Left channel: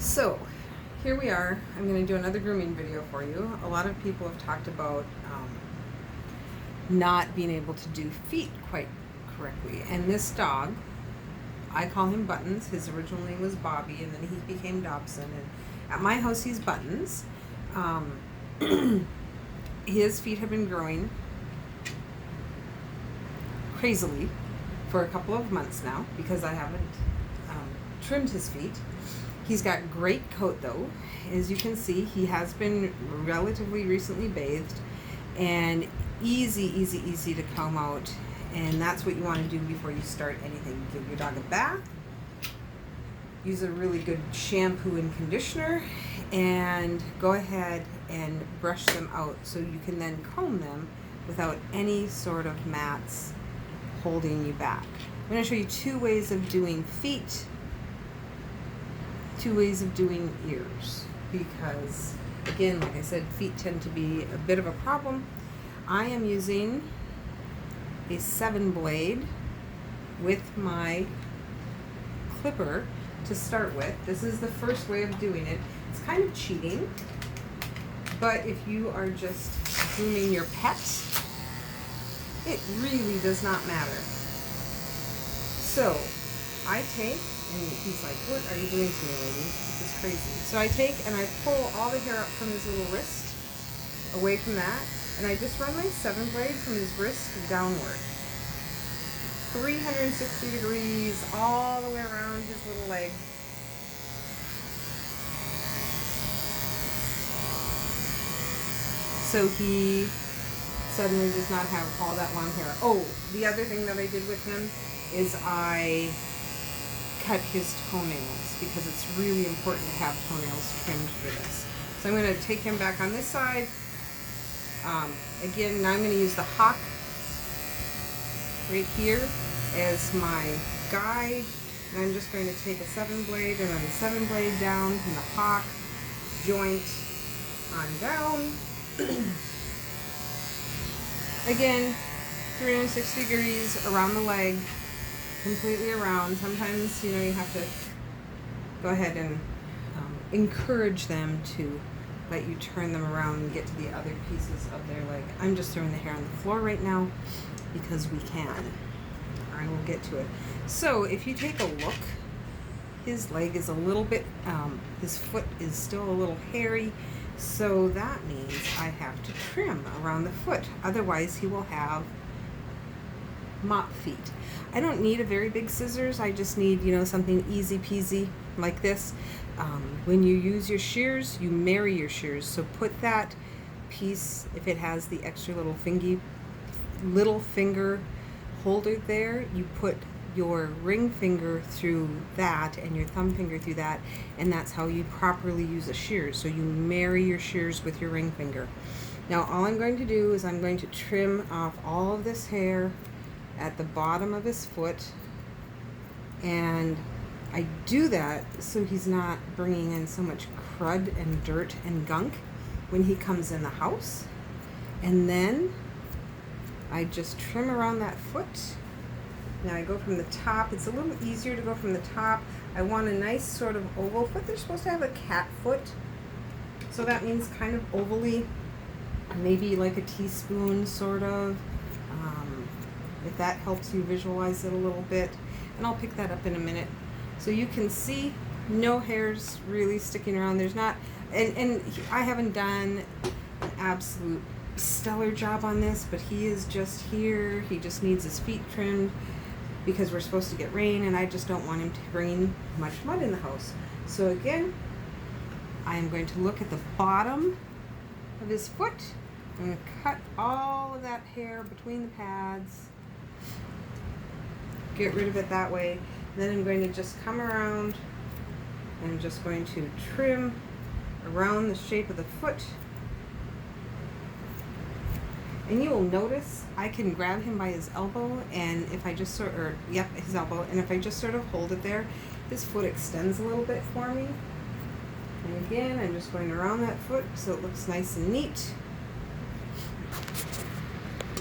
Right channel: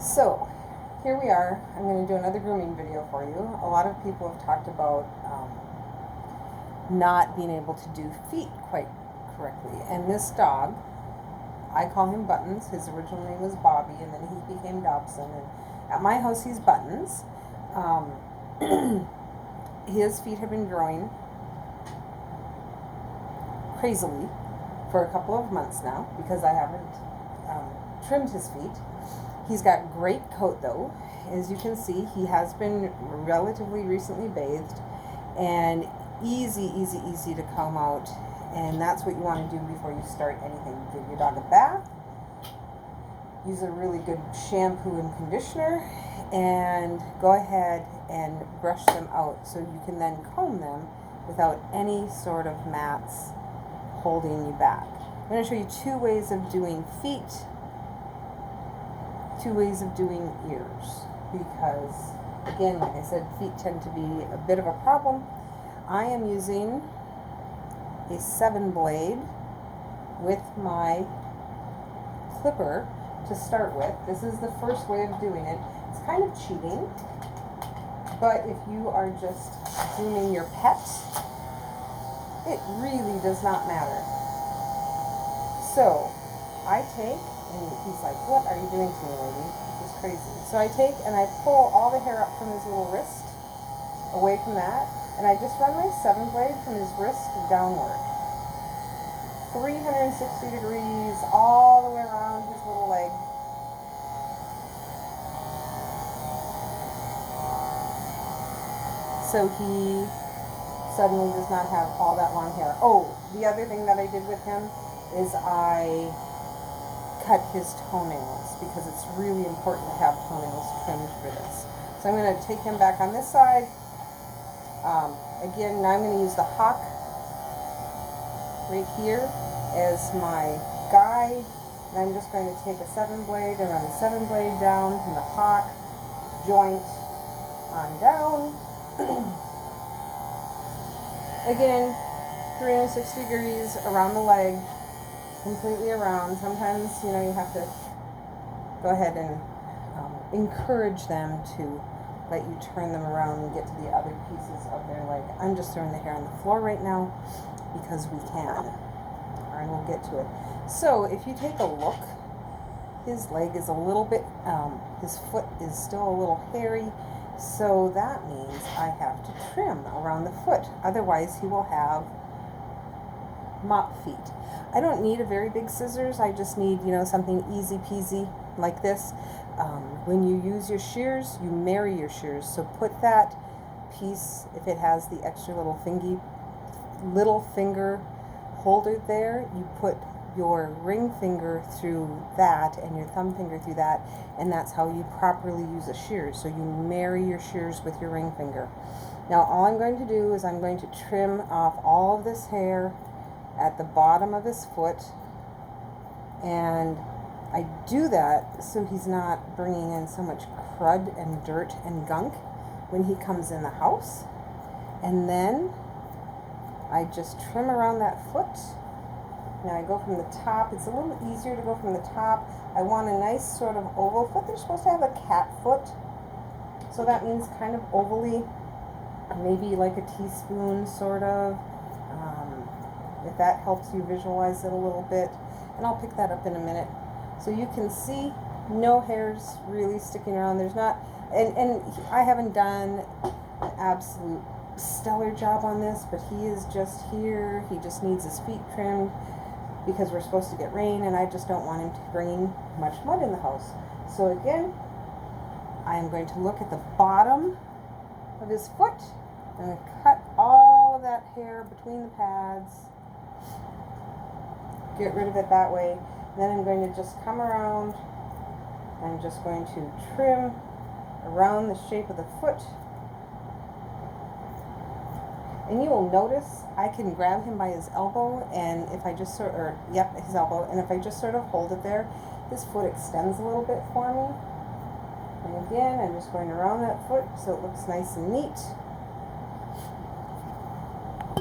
So here we are. I'm going to do another grooming video for you. A lot of people have talked about not being able to do feet quite correctly. And this dog, I call him Buttons. His original name was Bobby, and then he became Dobson. And at my house, he's Buttons. His feet have been growing crazily for a couple of months now because I haven't trimmed his feet. He's got great coat though. As you can see, he has been relatively recently bathed and easy to comb out. And that's what you want to do before you start anything. Give your dog a bath, use a really good shampoo and conditioner, and go ahead and brush them out so you can then comb them without any sort of mats holding you back. I'm going to show you two ways of doing feet, two ways of doing ears, because again, like I said, feet tend to be a bit of a problem. I am using a 7-blade with my clipper to start with. This is the first way of doing it. It's kind of cheating, but if you are just grooming your pet, it really does not matter. So I take, and he's like, "What are you doing to me, lady? This is crazy." So I take and I pull all the hair up from his little wrist, away from that, and I just run my 7-blade from his wrist downward. 360 degrees all the way around his little leg. So he suddenly does not have all that long hair. Oh, the other thing that I did with him is I cut his toenails because it's really important to have toenails trimmed for this. So I'm going to take him back on this side. Again, now I'm going to use the hawk right here as my guide. And I'm just going to take a 7-blade and run the 7-blade down from the hawk joint on down. Again, 360 degrees around the leg, completely around. Sometimes, you have to go ahead and encourage them to let you turn them around and get to the other pieces of their leg. I'm just throwing the hair on the floor right now because we can. I will get to it. So if you take a look, his leg is a little bit, his foot is still a little hairy. So that means I have to trim around the foot. Otherwise, he will have mop feet. I don't need a very big scissors. I just need, something easy peasy like this. When you use your shears, you marry your shears. So put that piece, if it has the extra little finger holder there, you put your ring finger through that and your thumb finger through that, and that's how you properly use a shears. So you marry your shears with your ring finger. Now all I'm going to do is I'm going to trim off all of this hair at the bottom of his foot, and I do that so he's not bringing in so much crud and dirt and gunk when he comes in the house. And then I just trim around that foot. Now I go from the top. It's a little easier to go from the top. I want a nice sort of oval foot. They're supposed to have a cat foot, so that means kind of ovally, maybe like a teaspoon sort of, if that helps you visualize it a little bit. And I'll pick that up in a minute. So you can see no hairs really sticking around. There's not, and I haven't done an absolute stellar job on this, but he is just here. He just needs his feet trimmed because we're supposed to get rain, and I just don't want him to bring much mud in the house. So again, I am going to look at the bottom of his foot. I'm going to cut all of that hair between the pads, get rid of it that way. And then I'm going to just come around and I'm just going to trim around the shape of the foot. And you will notice I can grab him by his elbow, and if I just his elbow, and if I just sort of hold it there, his foot extends a little bit for me. And again, I'm just going around that foot so it looks nice and neat.